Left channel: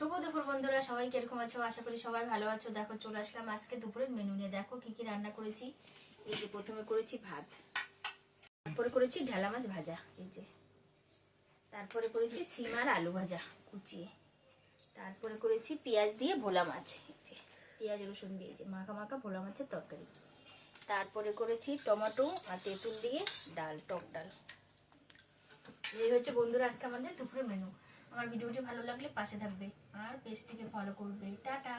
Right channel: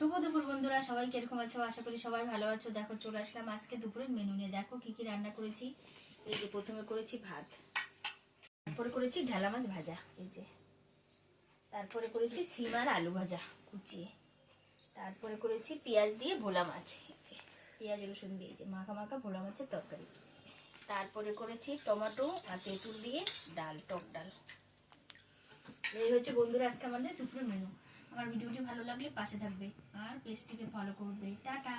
শুভ দুপুর বন্ধুরা, সবাই কিরকম আছো? আশা করি সবাই ভালো আছো। দেখো চলে আসলাম আজকে দুপুরের মেনু নিয়ে। দেখো কি কি রান্না করেছি। এই যে প্রথমে করেছি ভাত, তারপরে করেছি ঢেলা মাছ ভাজা, এই যে তারপরে করেছি সিম আর আলু ভাজা কুচিয়ে, তারপরে করেছি পেঁয়াজ দিয়ে ভোলা মাছ, এই যে পেঁয়াজ রসুন দিয়ে যে মাখা মাখা ভোলা মাছের তরকারি, তারপরে করেছি টমেটো আর তেঁতুল দিয়ে ডাল, টক ডাল। এই হচ্ছে বন্ধুরা আজকে আমাদের দুপুরের মেনু। আমার ভিডিওটি ভালো লাগলে পাশে থাকবে আর পেজটিকে ফলো করবে। টাটা।